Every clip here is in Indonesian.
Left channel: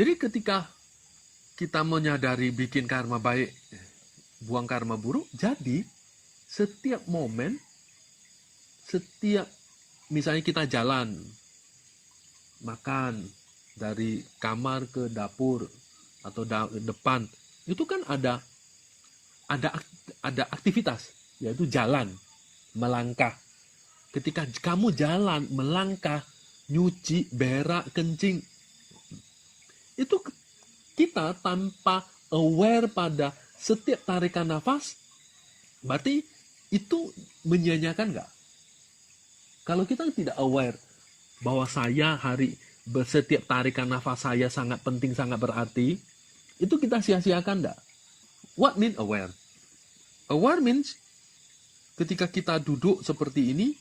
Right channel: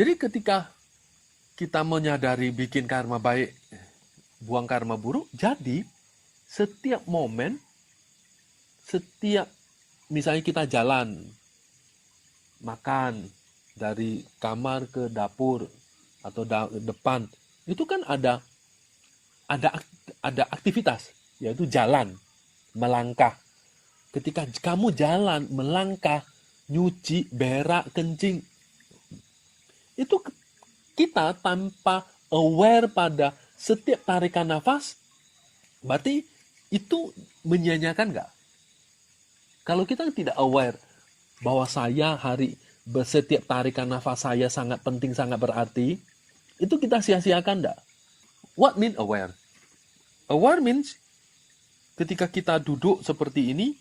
Jadi ketika kita menyadari bikin karma baik, buang karma buruk, jadi setiap momen, setiap misalnya kita jalan, makan, dari kamar ke dapur atau depan, itu kan ada aktivitas, yaitu jalan, melangkah. Ketika kamu jalan, melangkah, nyuci, berak, kencing, itu kita tanpa aware pada setiap tarikan nafas, berarti itu menyanyiakan nggak? Kalau kita tidak aware bahwa setiap tarikan nafas saya sangat penting, sangat berarti, itu kita sia-siakan nggak? What mean aware? Aware means ketika kita duduk seperti ini,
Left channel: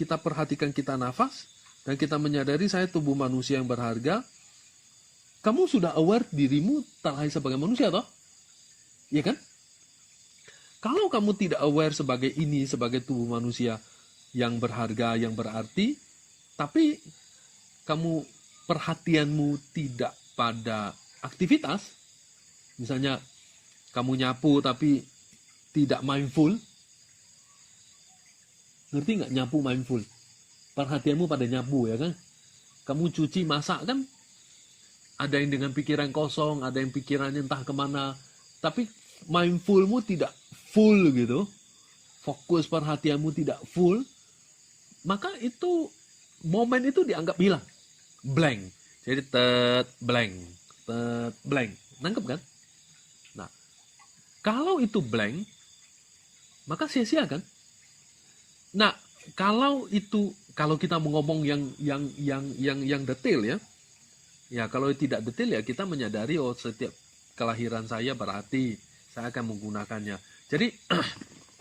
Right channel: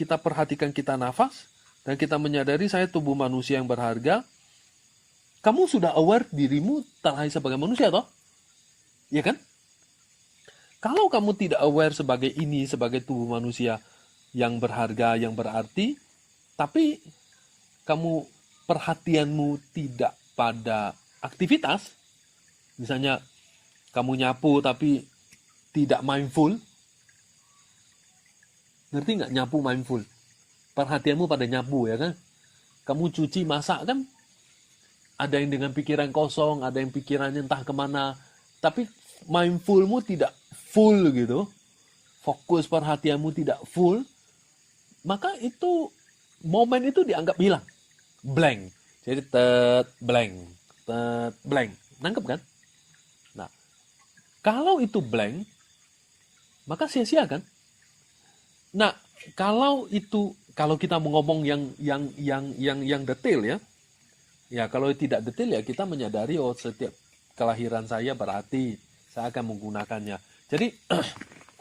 kita perhatikan kita nafas, dan kita menyadari saya tubuh manusia yang berharga. Kamu sudah aware dirimu tak lahir sebagai manusia, toh? Ya kan? Kalau kamu tidak aware sebagai ini, sebagai tubuh manusia yang berharga, yang berarti, tapi kamu perhatianmu tidak pada aktivitas, misalnya kamu nyapu tapi tidak mindful, ngerti nggak nyapu mindful? Perhatianmu pada nyapu, ya kan? Kamu cuci, masak kan? Ada yang dengan pikiran kosong, ada yang pikirannya entah kemana, tapi mindfulmu tidak full gitu, fokus perhatianmu tidak full, maka itu momen itu dianggap hilang, blank. Jadi blank, nangkep kan? Nah, kalau itu blank, maka sia-sia kan? Nah, kalau kita mau ngomong yang detail ya kalau tidak detail ya kita menyadari setiap kelahiran saya berarti saya akan menggunakannya. Jadi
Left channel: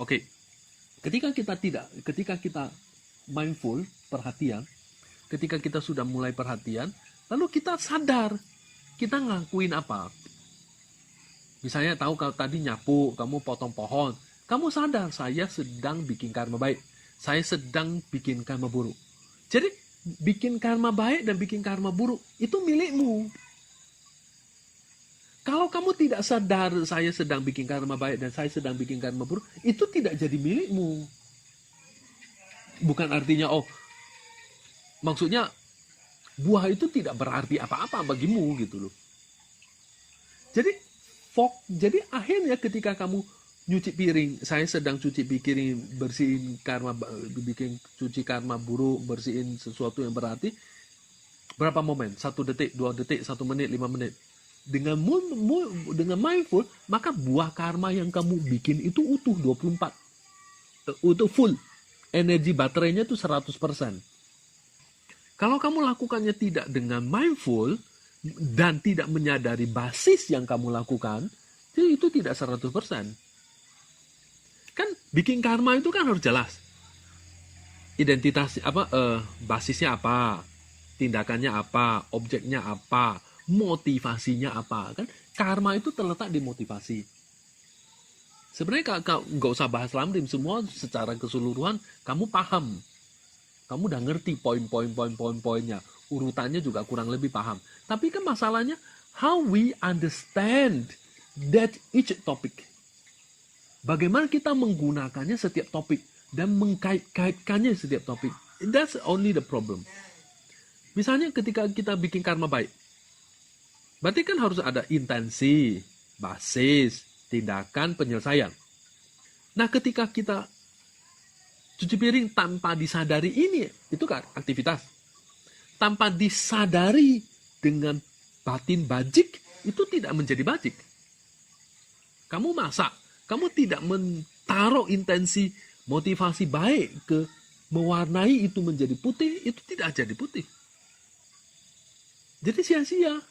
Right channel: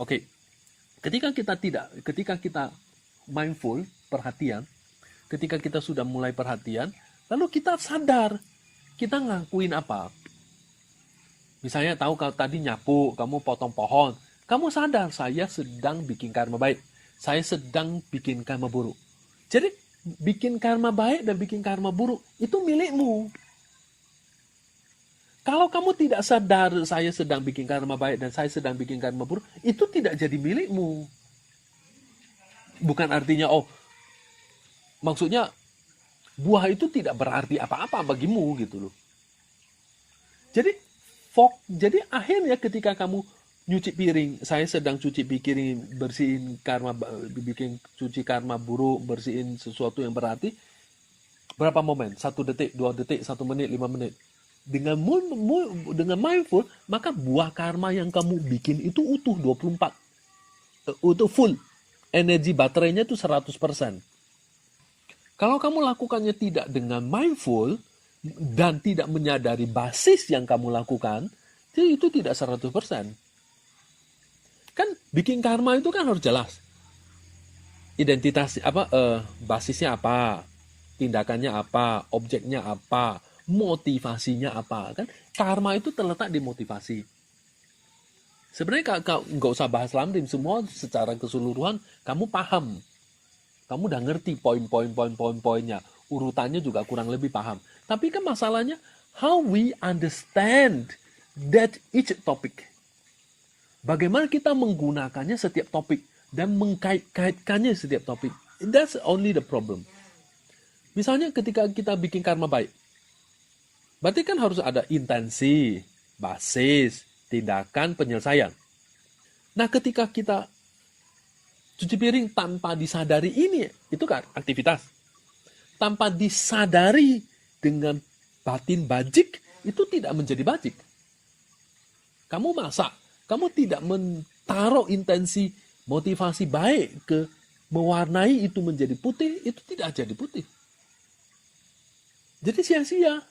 oke. Ketika kita mindful, perhatian, ketika kita sudah mulai perhatian, lalu kita sadar kita ngelakuin apa. Misalnya tahu kalau tadi nyapu, kamu potong pohon, kamu sadar saya sedang bikin karma baik, saya sedang bikin karma buruk. Jadi bikin karma baik dan bikin karma buruk itu milikmu. Kalau kamu tidak sadar saya sedang bikin karma baik dan saya sedang bikin karma buruk, itu tidak jadi milikmu. Bukan artinya maksudnya buah itu tidak berarti apa-apa bagimu gitu loh. Jadi akhirnya ketika kamu nyuci piring, saya sedang cuci piring, bersihin karma, bikin cuci karma buruk, bersihin sesuatu yang berarti. Berapa momen? 1 detik, 2 detik, 1 menit, 5 menit. Dengan mindful, maka buah karma yang kamu bikin itu utuh 24. Utuh full. Energi baterainya itu 100%. Kalau kamu lakukannya tidak dengan mindful dan tidak menyadari basis yang kamu lakukan, itu tidak 100%. Kan bikin karma itu kan harus jelas. Identitas basisnya apa? Tindakannya apa? Objeknya apa? Motivasinya apa? Kan karma itu terletak di motivasi. Sebenarnya kalau nggak usah bahas lamrim, semua secara keseluruhan kamu paham. Kamu udah ngerti poin-poinnya. Urutannya juga kurang lebih paham. Tapi kan masalahnya, how we understand that each topic. Bagaimana kita menggunakannya setiap topik dan mengkait-kaitkannya setiap topik. That's only the problem. Misalnya ketika kita bikin karma baik, berarti kan harus ada intensi, basis, tindakan, penyelesaian. Nah, ketika kita cuci piring tanpa disadari ini, itu kan aktivitas. Tanpa disadari dengan batin bajik, itu tidak menjadi bajik. Kamu masak, kamu tidak menaruh intensi motivasi baik ke mewarnai itu menjadi putih, itu tidak jadi putih. Jadi sia-sia.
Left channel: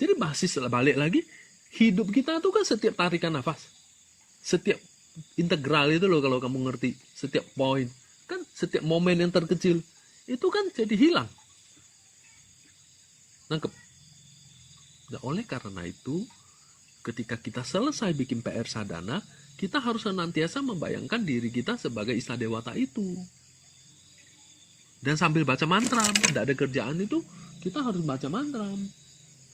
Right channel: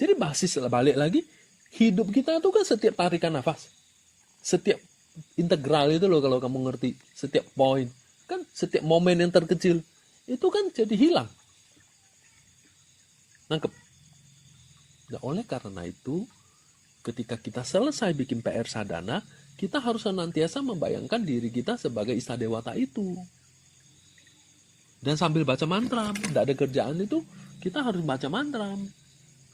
Jadi basis balik lagi, hidup kita itu kan setiap tarikan nafas. Setiap integral itu loh kalau kamu ngerti. Setiap poin. Kan setiap momen yang terkecil, itu kan jadi hilang. Nangkep? Nah, oleh karena itu, ketika kita selesai bikin PR sadhana, kita harus senantiasa membayangkan diri kita sebagai Istadewata itu. Dan sambil baca mantra, tidak ada kerjaan itu, kita harus baca mantra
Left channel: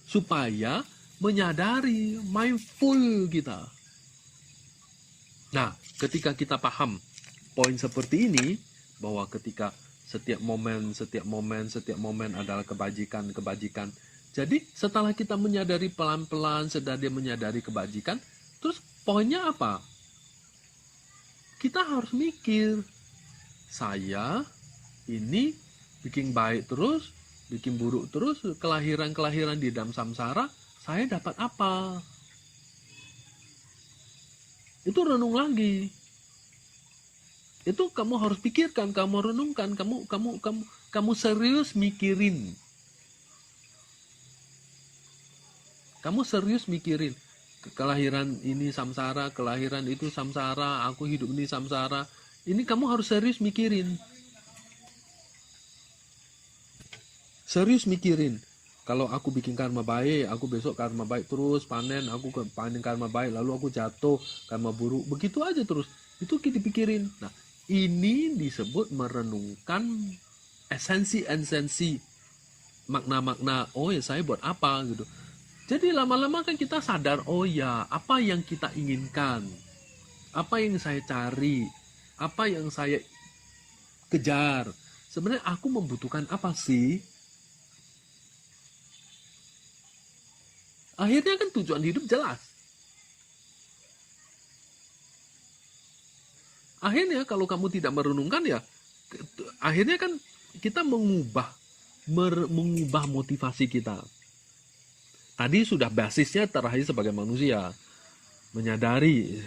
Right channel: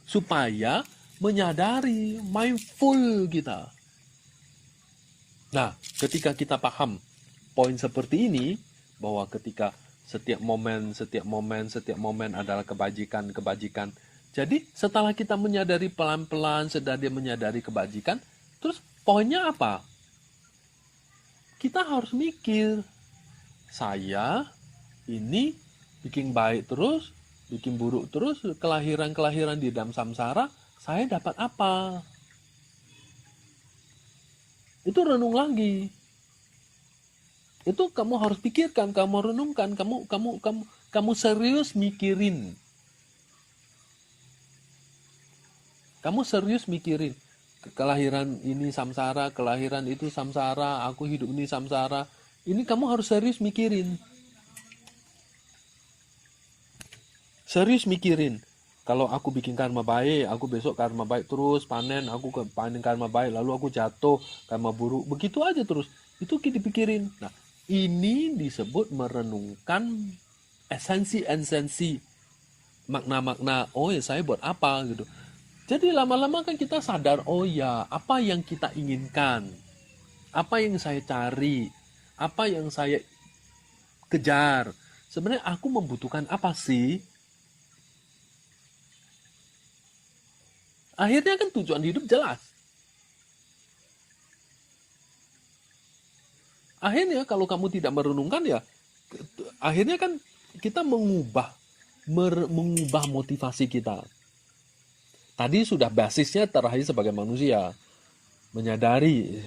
supaya menyadari, mindful kita. Nah, ketika kita paham poin seperti ini, bahwa ketika setiap momen adalah kebajikan. Jadi setelah kita menyadari pelan-pelan, dia menyadari kebajikan, terus poinnya apa? Kita harus mikir, saya ini bikin baik terus, bikin buruk terus, kelahiran di dalam samsara, saya dapat apa? Itu renung lagi. Itu kamu harus pikirkan, kamu renungkan, kamu serius mikirin. Kamu serius mikirin. Kelahiran ini samsara, kelahiran itu samsara, aku hidup ini samsara. Ini kamu harus serius mikirin. Serius mikirin. Kalau aku bikin karma baik, aku besok karma baik terus, panen, aku panen karma baik, lalu aku jatuh, karma buruk. Begitu aja terus. Itu kita pikirin. Nah, ini disebut merenungkan esensi, makna-makna, oh ya saya buat apa gitu. Jadi lama-lama kan kita sadar, oh ya apa yang kita inginkan, apa yang saya cari, apa yang saya kejar. Sebenarnya aku membutuhkan apa sih? Akhirnya kan tujuan hidup jelas. Akhirnya kalau kamu tidak merenungkan ya, akhirnya kan kita mengubah motivasi kita. Tadi sudah basisnya terakhir sebagai manusia, menyadari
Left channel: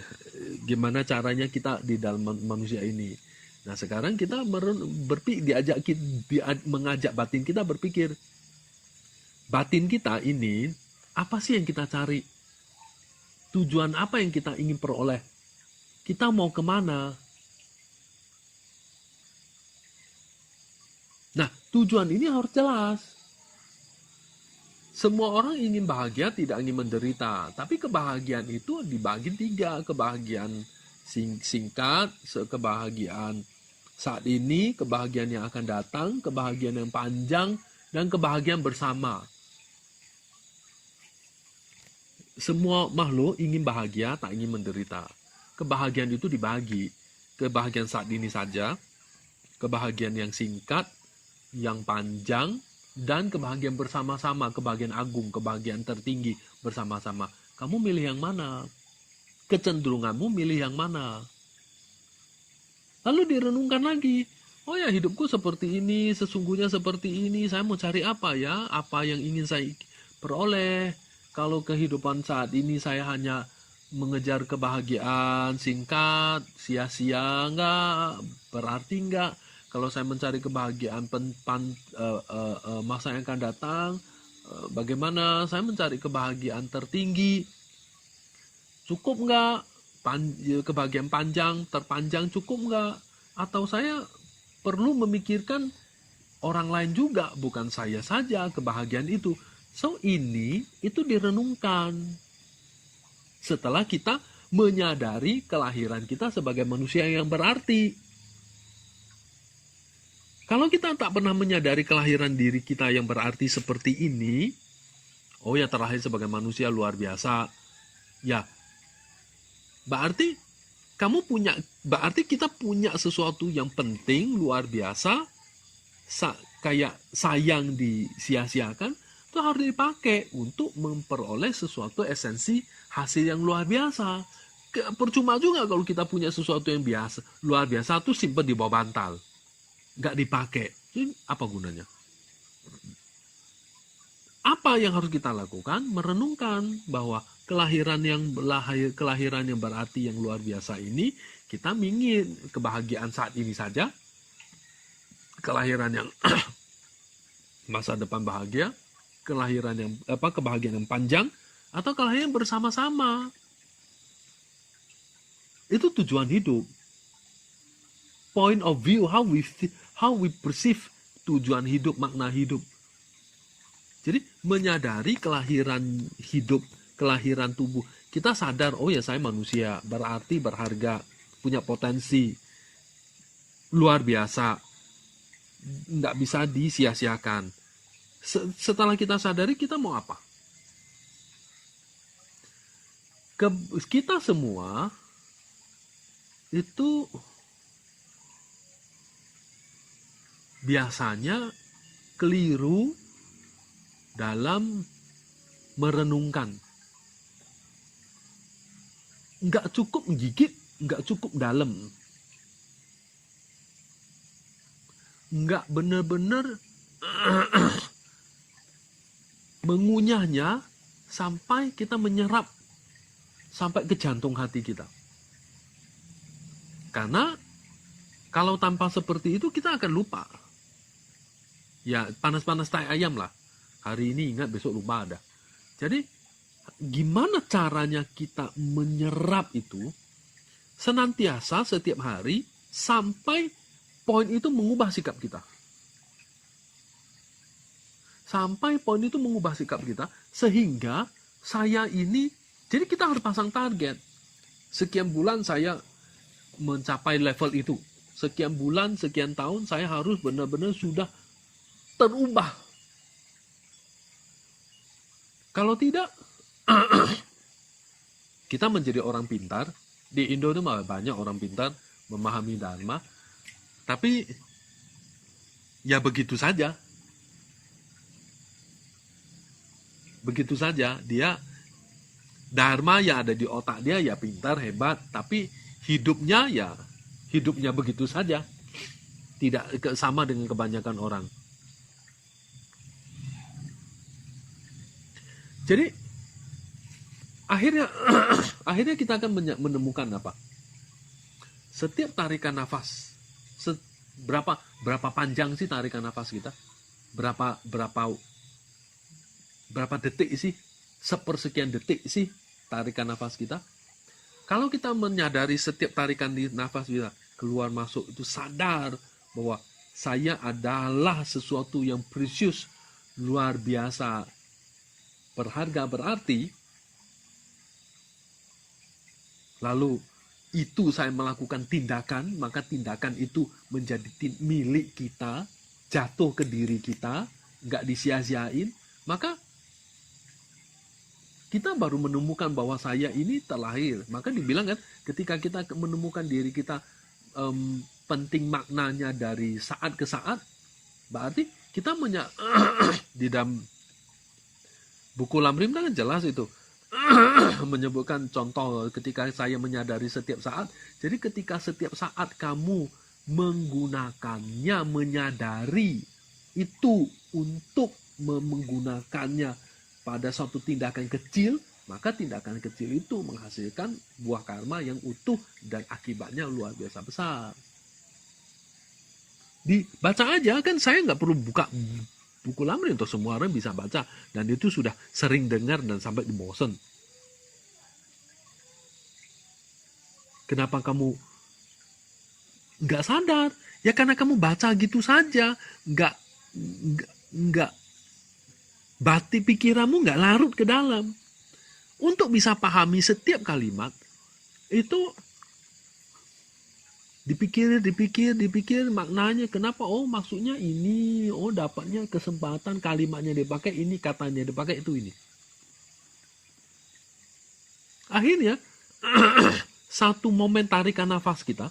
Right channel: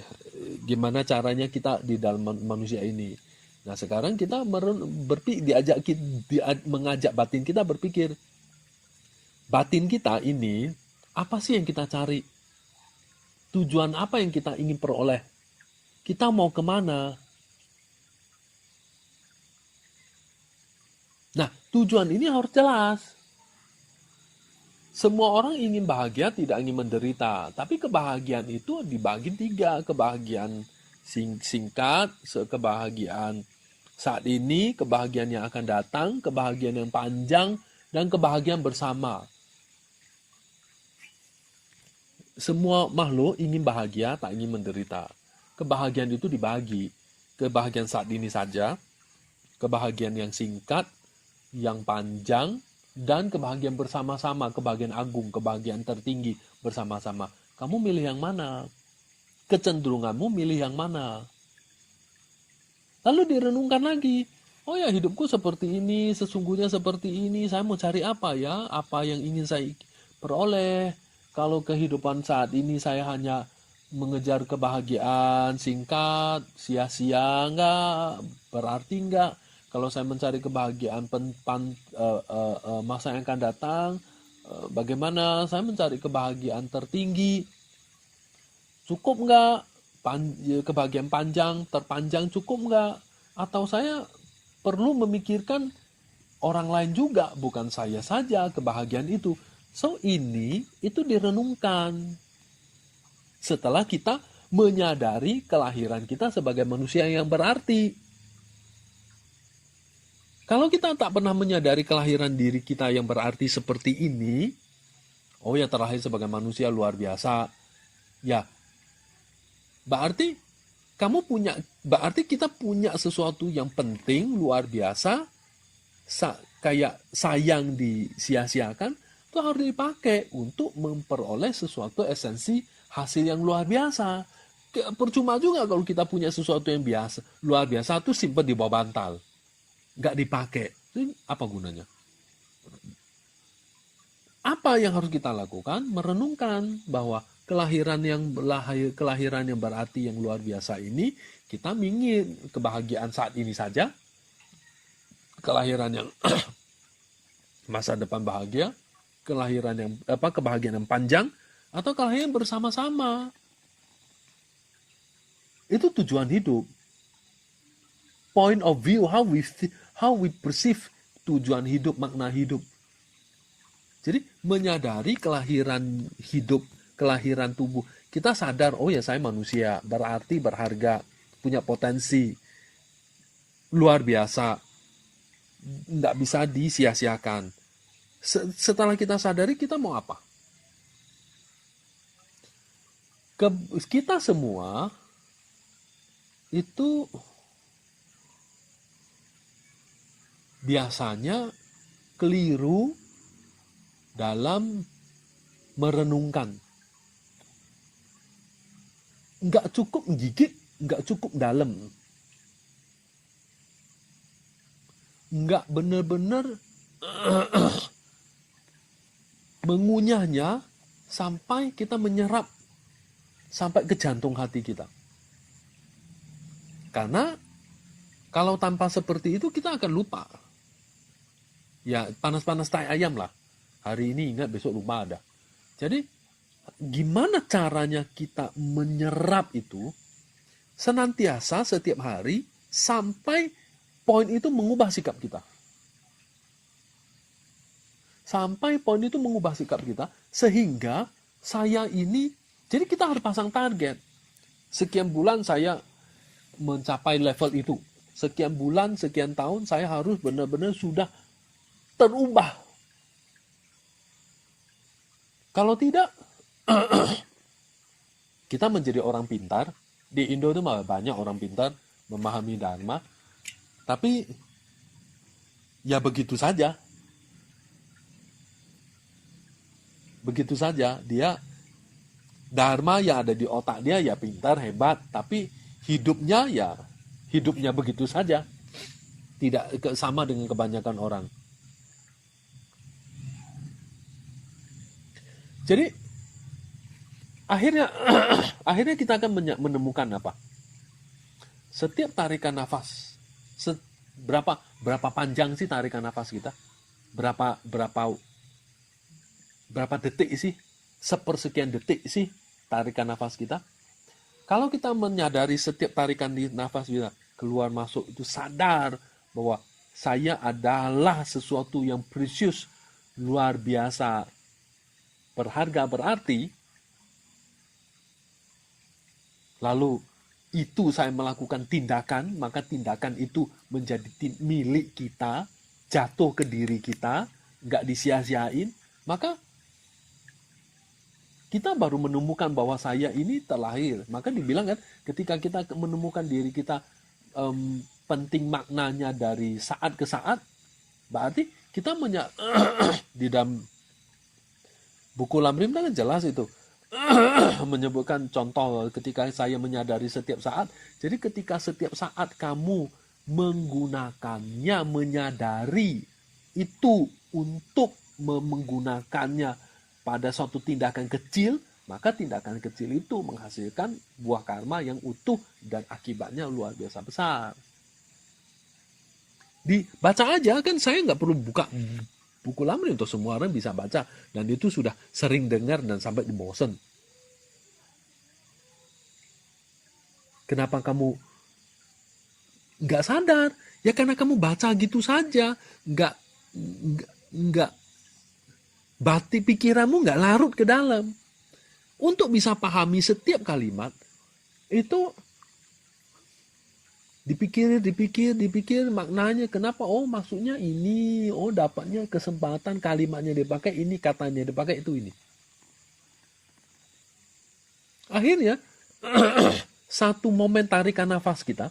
gimana caranya kita di dalam manusia ini. Nah sekarang kita mengajak batin kita berpikir, batin kita ini apa sih yang kita cari? Tujuan apa yang kita ingin peroleh? Kita mau kemana? Nah, tujuan ini harus jelas. Semua orang ingin bahagia, tidak ingin menderita. Tapi kebahagiaan itu dibagi 3. Kebahagiaan singkat, kebahagiaan saat ini, kebahagiaan yang akan datang, kebahagiaan yang panjang, dan kebahagiaan bersama. Semua makhluk ingin bahagia, tak ingin menderita. Kebahagiaan itu dibagi. Kebahagiaan saat ini saja, kebahagiaan yang singkat, yang panjang, dan kebahagiaan bersama-sama, kebahagiaan agung, kebahagiaan tertinggi bersama-sama. Kamu milih yang mana? Kecenderunganmu milih yang mana? Lalu direnungkan lagi. Oh ya, hidupku seperti ini, sesungguhnya seperti ini. Saya mau cari apa ya? Apa yang ingin saya peroleh? Kalau kehidupan saat ini saya hanya mengejar kebahagiaan singkat, sia-sia enggak? Berarti enggak? Kalau saya mencari kebahagiaan masa yang akan datang, bagaimana saya mencari kebahagiaan tertinggi? Cukup nggak? Kebahagiaan terpanjang cukup nggak? Atau saya perlu memikirkan orang lain juga, bukan saya saja kebahagiaan itu. So itu direnungkan. Setelah kita menyadari kelahiran kita sebagai manusia yang berarti. Kalau kita tak pernah menyadari kelahiran diri kita yang berarti seperti ini, oh ya terlahir sebagai manusia luar biasa, ya berarti kita punya sesuatu yang penting luar biasa, kayak sayang disia-siakan, itu harus dipakai untuk memperoleh sesuatu esensi hasil yang luar biasa. Percuma juga kalau kita punya sesuatu yang luar biasa itu simpen di bawah bantal. Nggak dipakai, ini apa gunanya? Apa yang harus kita lakukan? Merenungkan bahwa kelahiran yang berarti yang luar biasa ini, kita ingin kebahagiaan saat ini saja, kelahiran yang masa depan bahagia, kebahagiaan yang panjang, atau kelahiran bersama-sama. Itu tujuan hidup. Point of view, how we perceive tujuan hidup, makna hidup. Jadi menyadari kelahiran hidup, kelahiran tubuh. Kita sadar, oh ya saya manusia, berarti berharga, punya potensi, luar biasa, nggak bisa disia-siakan. Setelah kita sadari, kita mau apa? Kita semua itu biasanya keliru dalam merenungkan. Nggak cukup gigit, nggak cukup dalam. Nggak benar-benar mengunyahnya sampai kita menyerap sampai ke jantung hati kita. Karena kalau tanpa seperti itu kita akan lupa. Ya panas-panas tai ayam lah. Hari ini ingat, besok lupa ada. Jadi gimana caranya kita menyerap itu senantiasa setiap hari sampai poin itu mengubah sikap kita. Sampai poin itu mengubah sikap kita sehingga saya ini, jadi kita harus pasang target. Sekian bulan saya mencapai level itu. Sekian bulan, sekian tahun saya harus benar-benar sudah terubah. Kalau tidak, kita menjadi orang pintar. Di Indo itu banyak orang pintar memahami Dharma. Tapi ya begitu saja. Begitu saja. Dia Dharma yang ada di otak dia ya pintar, hebat. Tapi hidupnya ya hidupnya begitu saja. Tidak sama dengan kebanyakan orang. Jadi akhirnya kita akan menemukan apa? Setiap tarikan nafas, berapa panjang sih tarikan nafas kita? Berapa detik sih? Sepersekian detik sih tarikan nafas kita? Kalau kita menyadari setiap tarikan di nafas kita keluar masuk itu sadar bahwa saya adalah sesuatu yang precious, luar biasa, berharga, berarti, lalu itu saya melakukan tindakan, maka tindakan itu menjadi milik kita, jatuh ke diri kita, nggak disia-siain, maka kita baru menemukan bahwa saya ini terlahir. Maka dibilang kan, ketika kita menemukan diri kita penting maknanya dari saat ke saat, berarti kita di dalam buku Lamrim kan jelas itu menyebutkan contoh ketika saya menyadari setiap saat. Jadi ketika setiap saat kamu menggunakannya, menyadari itu untuk menggunakannya pada suatu tindakan kecil, maka tindakan kecil itu menghasilkan buah karma yang utuh dan akibatnya luar biasa besar. Dibaca aja kan, saya nggak perlu buka buku Lamrim, untuk semua orang bisa baca, dan itu sudah sering dengar dan sampai bosan. Kenapa kamu nggak sadar? Ya karena kamu baca gitu saja, nggak bati pikiranmu nggak larut ke dalam. Untuk bisa pahami setiap kalimat itu dipikir maknanya, kenapa, oh maksudnya ini, oh dapatnya kesempatan, kalimatnya dipakai ini, katanya dipakai itu ini. Akhirnya satu momen tarikan nafas kita,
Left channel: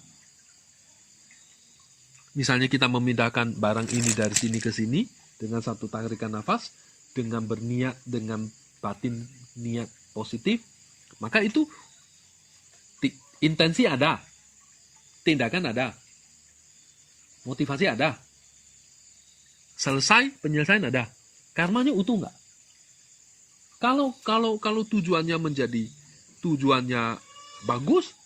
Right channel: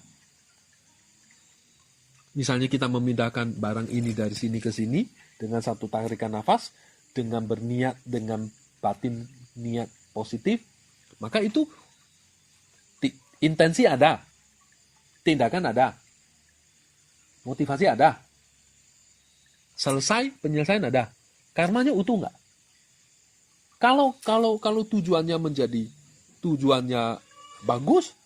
misalnya kita memindahkan barang ini dari sini ke sini dengan satu tarikan nafas, dengan berniat, dengan batin niat positif, maka itu intensi ada, tindakan ada, motivasi ada, selesai penyelesaian ada, karmanya utuh nggak? Kalau tujuannya bagus,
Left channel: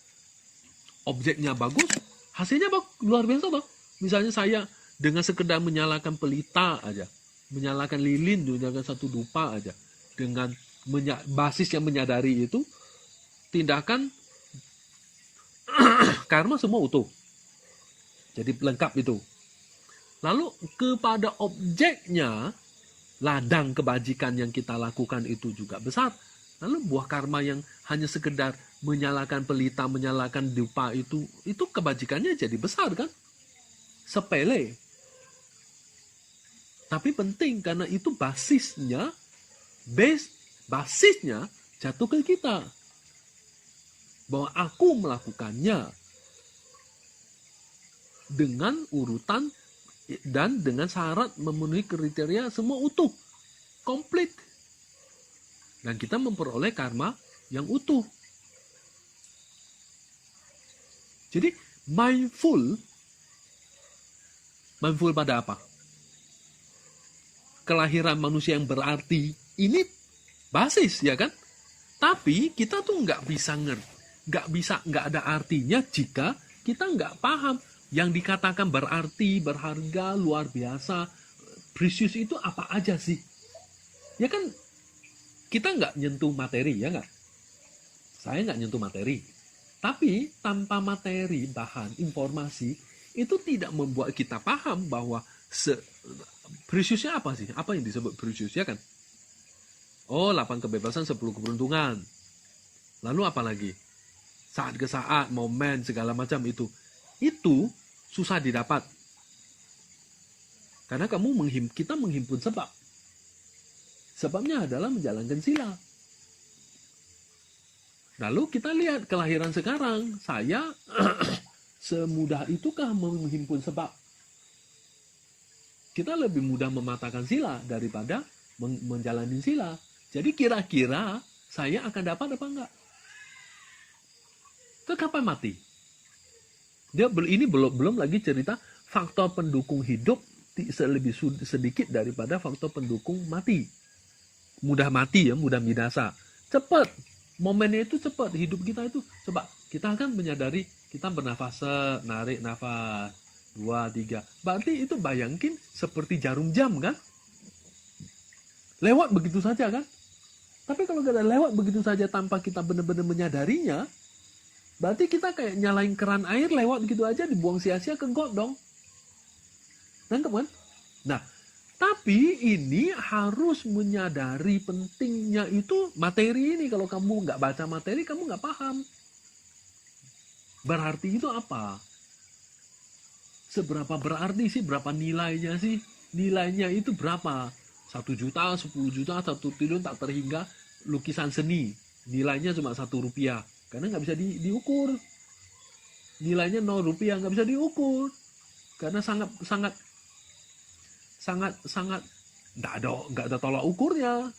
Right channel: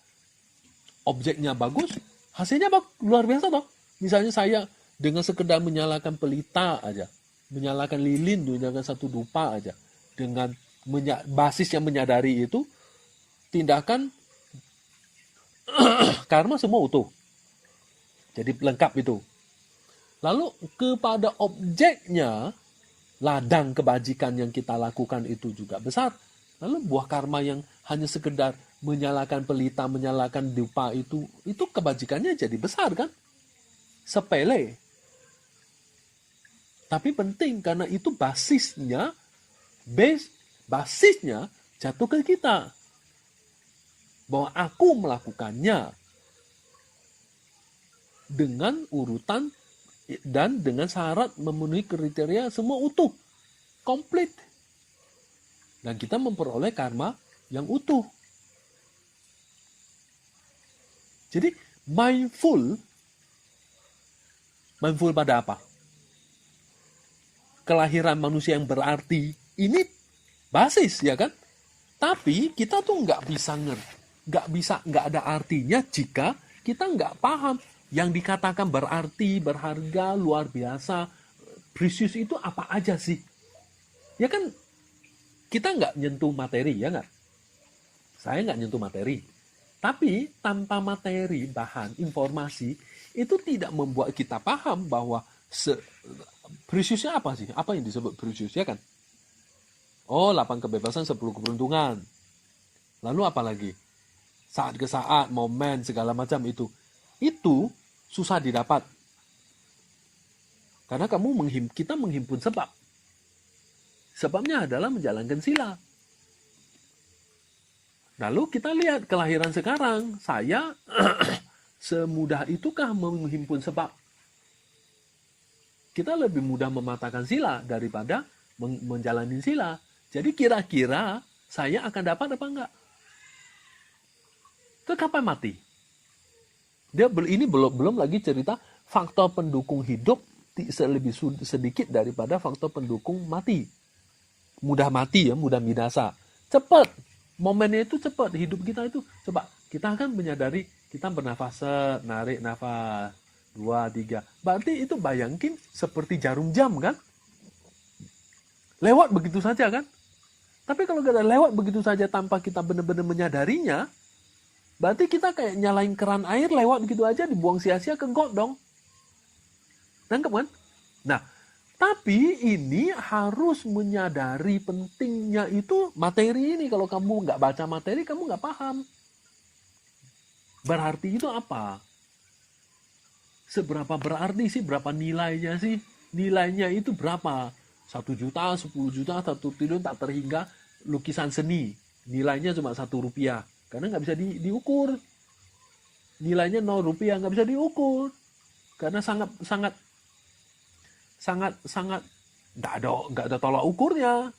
objeknya bagus, hasilnya luar biasa toh. Misalnya saya dengan sekedar menyalakan pelita aja, menyalakan lilin dengan satu dupa aja, dengan basis yang menyadari itu, tindakan karma semua utuh. Jadi lengkap itu. Lalu kepada objeknya, ladang kebajikan yang kita lakukan itu juga besar. Lalu buah karma yang hanya sekedar menyalakan pelita, menyalakan dupa itu kebajikannya jadi besar kan? Sepele. Tapi penting karena itu basisnya jatuh ke kita. Bahwa aku melakukannya dengan urutan dan dengan syarat memenuhi kriteria semua utuh, komplit. Dan kita memperoleh karma yang utuh. Jadi mindful pada apa? Kelahiran manusia yang berarti ini basis, ya kan? Tapi kita tuh nggak ada artinya jika kita nggak paham yang dikatakan berarti, berharga, luar biasa, precious itu apa aja sih? Ya kan kita nggak nyentuh materi, ya nggak? Saya nggak nyentuh materi. Tapi tanpa materi, bahan, informasi, itu tidak membuat kita paham bahwa preciousnya apa sih? Apa yang disebut precious, ya kan? Oh, 8 kebebasan, 10 keberuntungan. Lalu apa lagi? Saat ke saat, momen, segala macam itu. Itu susah didapat. Karena kita menghimpun sebab. Sebabnya adalah menjalankan sila. Lalu kita lihat kelahiran sekarang. Saya semudah itukah menghimpun sebab? Kita lebih mudah mematahkan sila daripada menjalani sila. Jadi kira-kira saya akan dapat apa enggak? Itu kapan mati? Ini belum lagi cerita faktor pendukung hidup lebih sedikit daripada faktor pendukung mati. Mudah mati, ya, mudah binasa. Cepat. Momennya itu cepat. Hidup kita itu cepat. Kita akan menyadari kita bernafas, narik nafas 2, 3. Berarti itu bayangin seperti jarum jam, kan? Lewat begitu saja, kan? Tapi kalau kita lewat begitu saja tanpa kita benar-benar menyadarinya, berarti kita kayak nyalain keran air lewat gitu aja, dibuang sia-sia ke got dong. Nangkep kan? Nah, tapi ini harus menyadari pentingnya itu materi ini. Kalau kamu nggak baca materi, kamu nggak paham. Berarti itu apa? Seberapa berarti sih? Berapa nilainya sih? Nilainya itu berapa? 1 juta, 10 juta, 1 triliun tak terhingga. Lukisan seni nilainya cuma 1 rupiah karena nggak bisa diukur. Nilainya 0 rupiah, nggak bisa diukur karena sangat nggak ada tolak ukurnya.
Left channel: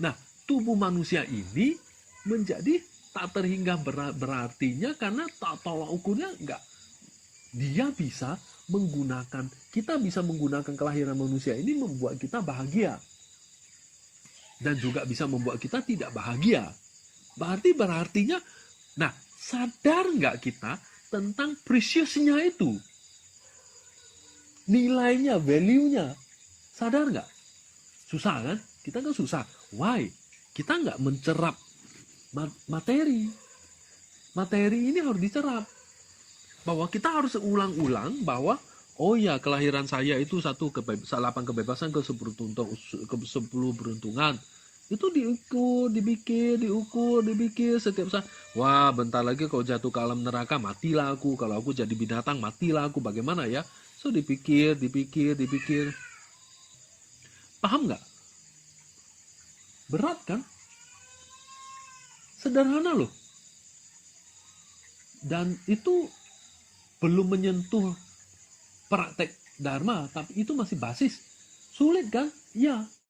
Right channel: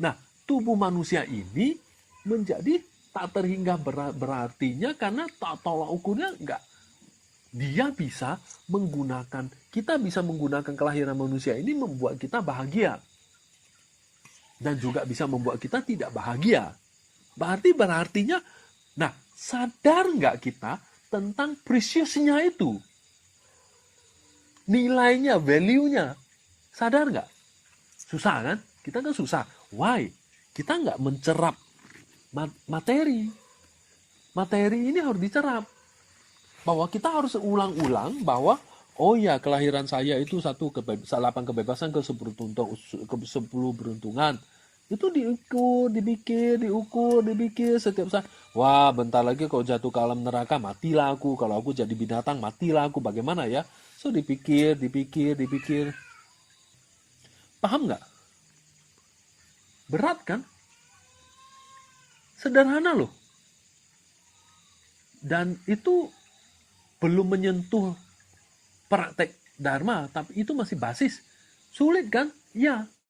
Nah, tubuh manusia ini menjadi tak terhingga berartinya karena tak tolak ukurnya nggak. Kita bisa menggunakan kelahiran manusia ini membuat kita bahagia. Dan juga bisa membuat kita tidak bahagia. Berartinya, nah, sadar nggak kita tentang preciousnya itu? Nilainya, value-nya. Sadar nggak? Susah kan? Kita kan susah. Why? Kita nggak mencerap materi. Materi ini harus dicerap. Bahwa kita harus ulang-ulang bahwa oh ya, kelahiran saya itu 8 kebebasan ke 10 beruntungan. Itu diukur, dipikir setiap saat. Wah, bentar lagi kalau jatuh ke alam neraka, matilah aku. Kalau aku jadi binatang, matilah aku. Bagaimana ya? So, dipikir. Paham nggak? Berat kan? Sederhana loh. Dan itu belum menyentuh praktek dharma, tapi itu masih basis. Sulit kan? Ya.